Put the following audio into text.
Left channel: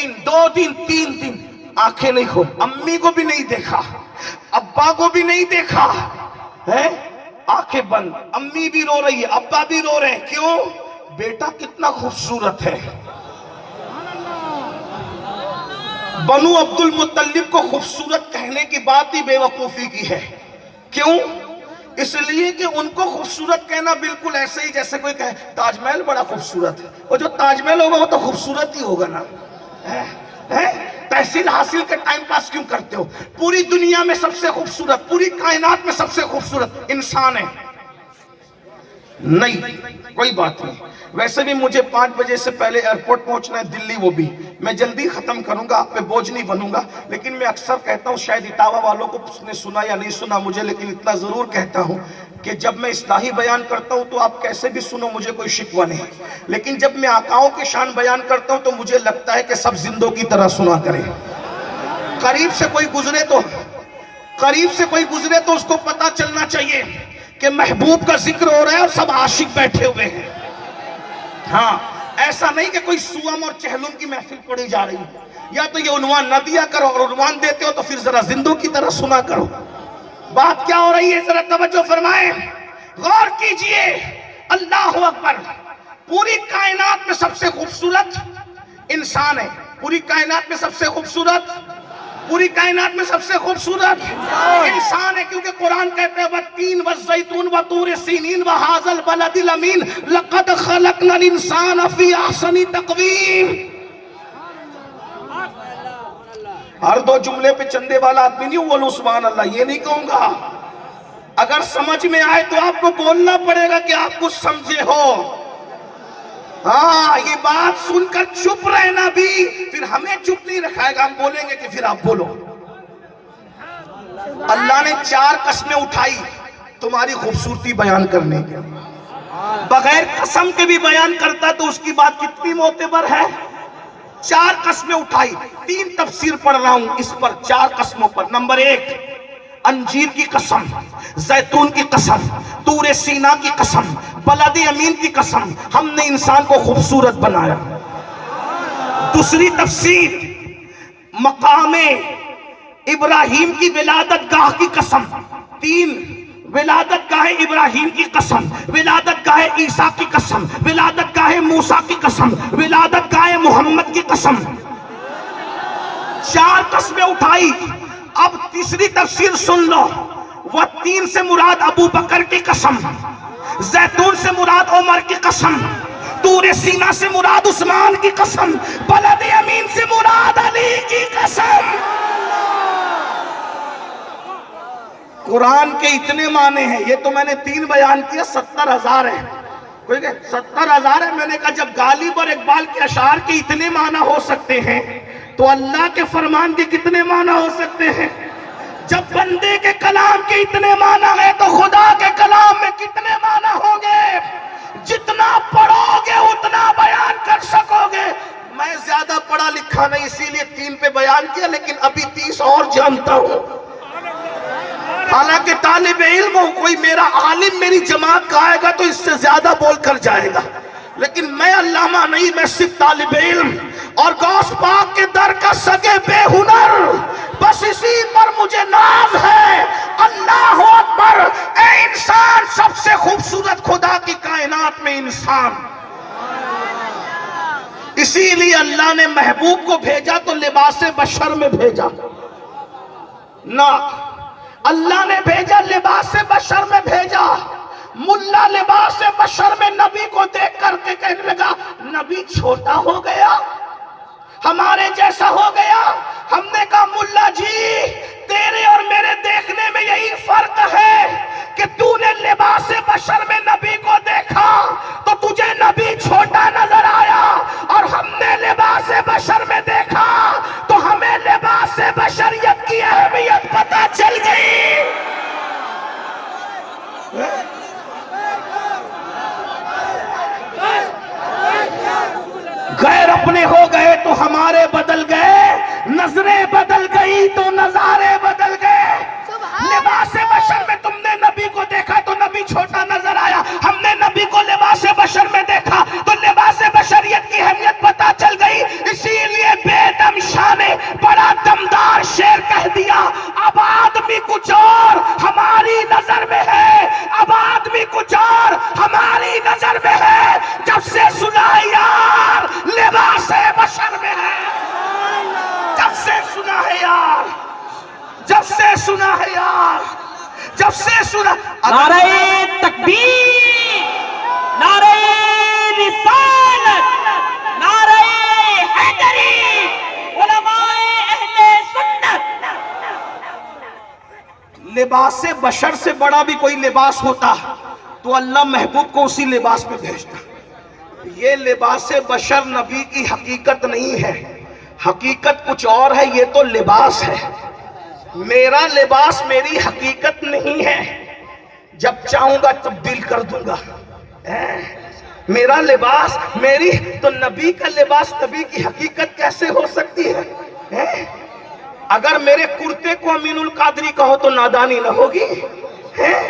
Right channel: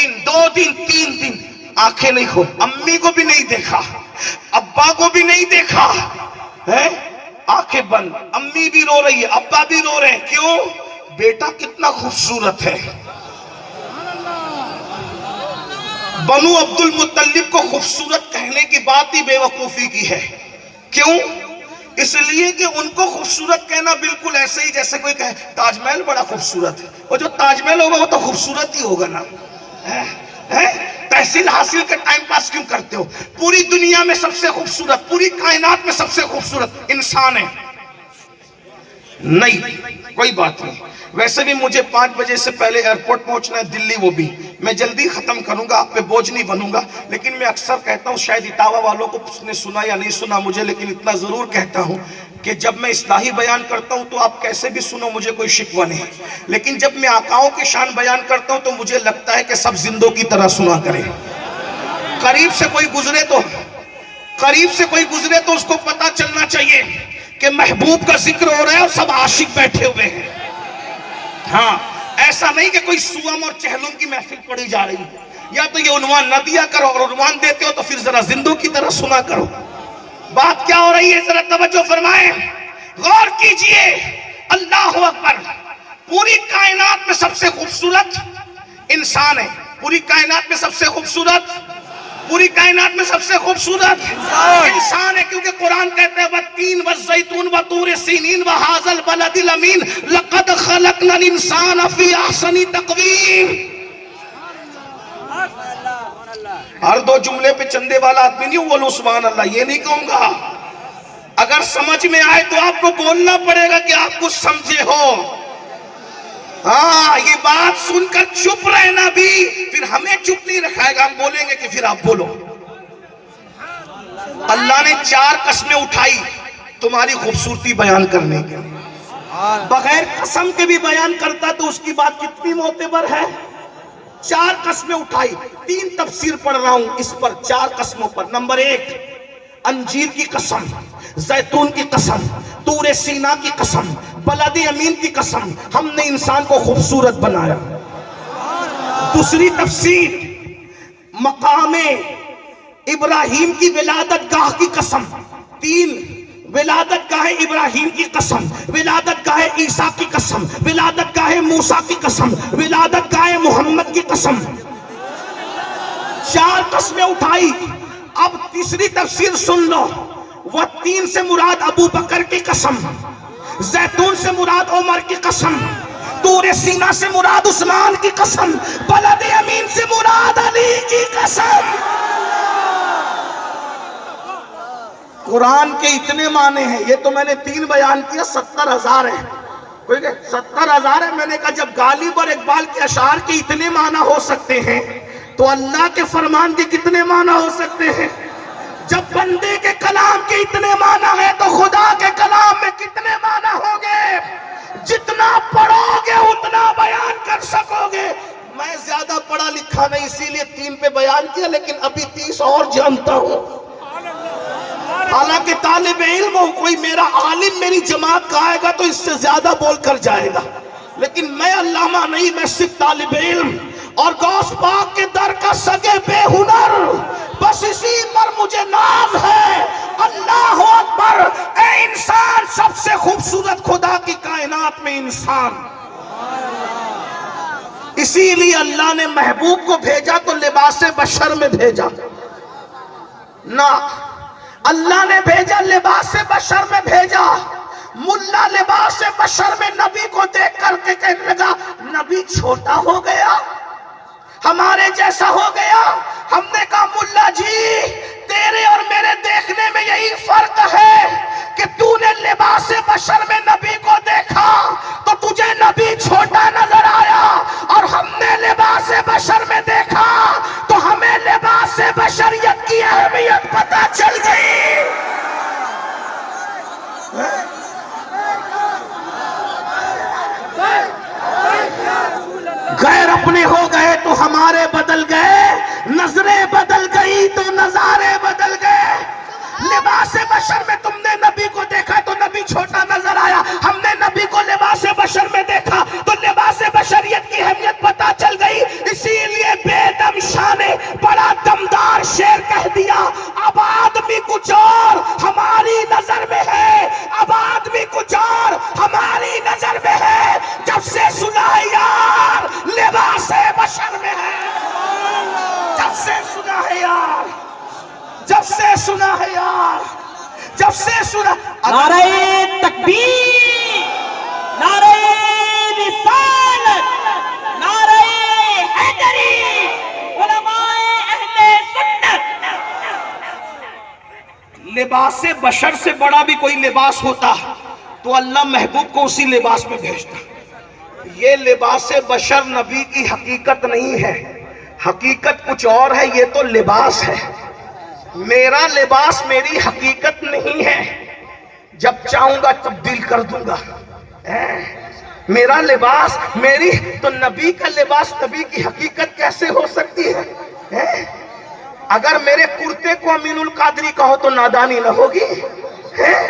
लेकिन 2 दिन 3 दिन आंखें नहीं खोल, अम्मी को भी नहीं देखा, अब्बा को भी नहीं देखा है, आंखें बंद, अम्मी भी रो रही है, अब्बा भी रो रहे हैं, क्यों? बेटा कितना खूबसूरत है। बनु अब्दुल मुत्तलिब को खूबसूरत कहने की बात ही बेवकूफी की है। क्यों? इसलिए कि उनको खूबसूरत कहना बिल्कुल ऐसे ही जैसे कोई कहे ताजमहल बड़ा खूबसूरत है, और जो ताजमहल होगा वो तो खूबसूरत ही होगा ना। तहसील हासिल के टाइम पास क्यों करते हो? पूरी दुनिया में सबसे खूबसूरत, पूरी कायनात में सबसे खूबसूरत इंसान है। नहीं, कोई बात नहीं। वैसे भी मुझे 5 बजे से पहले एयरपोर्ट पहुंचना है दिल्ली, वो भी मैं जल्दी खत्म करूंगा, आप पे बोझ नहीं बनूंगा। लेकिन मैं अक्सर कहता हूं, शायद इटावा वालों को उसने सुना या नहीं सुना मुझे, लेकिन इतना जरूर कहता हूं कि जब मैं इस्लाही बयान करता हूं तो आप कैसे भी सुनो, मुझे कोई शिकवा नहीं। लेकिन जब मैं आकाओं की शान बयान करता हूं तो मुझे लगता है कि सब जिंदों की तरह सुना करें। करीब से कोई गुजरे तो उसको पता चलना चाहिए कि महबूब का जिक्र हो रहा है और सब आशिक बैठे हुए हैं। हाँ, ऐसा नहीं कि कोई सुअम और चहलुम की महफिल पड़ी जा रही है। या तो ये उन्वान न दिया करो, और उन्वान देते हो तो फिर जरा जिंदों की तरह सुना करो। बात क्या हो रही है, जरा तवज्जो फरमाएं, गौर कीजिए। अल्लाहु अकबर। पूरी कायनात में सबसे खूबसूरत इंसान है, पूरी कायनात में सबसे खूबसूरत इंसान है, क्योंकि कुरान कहते हैं वत्तीन वज़्ज़ैतून वतूर सीनीन वहाज़ल बलदिल अमीन लक़द ख़लक़नल इंसान फ़ी अहसनि तक़वीम। हर 2 जुमले पे चंदे वाला आदमी नहीं बोलो सुभान अल्लाह, ये नहीं कहूंगा। अगर समझ में आए तो आपको बोलना पड़ेगा कि आप कुछ समझे हो। हाँ, ये बात सुनकर चुप रहना भी फिर हमें चुप नहीं रखाएगा, हम बोलेंगे कि फिर आप बोलो। अल्लाह ने 4 कस्में उठाई तुम्हारी खूबसूरती बयान करने के, बगैर कसम के भी बयान करता तो उसकी बात कितनी मोतेबर है। 4 कस्में उठाई, 3 तफसीर पढ़ रहा हूं इस पर, 4 कस्मों पर। नंबर 1, अंजीर की कसम, जैतून की कसम, तूरे सीना की कसम, बलदी अमीन की कसम, हमने इंसान को खूबसूरत बनाया। दूसरी तफसीर, मकामे इब्राहिम की विलादत गाह की कसम। 3, विलादत गाहे इब्राहिम की कसम, विलादत गाहे ईसा की कसम, विलादत गाहे मूसा की कसम, विलादत गाहे मोहम्मद की कसम। 4 कस्में उठाई। अब तीसरी तफसीर सुन लो। वह 3 से मुराद अबू बकर की कसम, जैतून से मुराद उमर की कसम, तूरे सीना से मुराद उस्मान की कसम, बलद अमीन से मुराद अली की कसम। कुरान के इतने माने हैं, ये तो मैंने 3 बयान किया, 70,000 है। 70,000 है। मैंने कहा जब गालिब और इकबाल के अशार के इतने माना हो सकते हैं तो अल्लाह के फरमान के कितने माना हो सकते हैं। जब बंदे के कलाम के इतने माना है तो खुदा के कलाम में कितने माना होंगे। जितना पढ़ोगे उतना बयान कर सकोगे। मैं ज्यादा पढ़ा लिखा नहीं, इसीलिए 3 पे बयान किया, लेकिन अभी 30 और जानता हूं। हालांकि तालिब इल्म कोई मेरा आलिम मेरी जमात का आएगा तो इससे ज्यादा बोल कर जाएगा, लेकिन मैं अल्लामा नहीं, मैं सिर्फ तालिब इल्म और गौस पाक के दर का सगे बेहुनर। बस इसी पर मुझे नाम है। अल्लाह अकबर। ए इंसान, सबसे खूबसूरत खुदा की कायनात में इंसान। इसीलिए अल्लाह ने महबूब को भेजा तो लिबासे बशर में भेजा ना, अल्लाह ने भेजा लिबासे बशर में भेजा। मुल्ला लिबासे बशर में नबी को देख करके कहने लगा नबी छोटा हो गया, हमारे जैसा हो गया। हमने कहा मुल्ला जी, तेरे और मेरे देखने में यही फर्क है कि तूने लिबासे बशर में नबी को देखा तो तुझे नबी छोटा नजर आया, और हमने लिबासे बशर में देखा तो हमें लिबासे बशरियत की अहमियत पता चल गई। गैर अपने हो गए तो हमारे बदल गए, नजरें बदल गई तो नजारे बदल गए। लिबासे बशर में तुमने नबी को देखा तो नबी छोटा नजर आया, हमने नबी को लिबासे बशर में देखा तो लिबासे बशरियत की अहमियत पता चल गई। इसीलिए سنا ہے یار، جب سے سنا. نعرہ تکبیر، نعرہ رسالت، نعرہ حیدری، علماء اہل سنت. لباس بشر سے بڑا بھی کوئی لباس ہوتا تو اللہ محبوب کو اسی لباس میں بھیجتا. یہ لباس بشر نبی کی حقیقت نہیں ہے، حقیقت کچھ اور ہے. یہ تو لباس ہے، میرا لباس میری حقیقت نہیں ہے. جب چاہوں گا تبدیل کر دوں گا. میرا لباس میری تو نبی کا لباس نبی کی حقیقت کیسے ہو سکتی ہے؟ اگر میرے کرتے کو امین القادری کہو تو نادانی نہ ہوگی.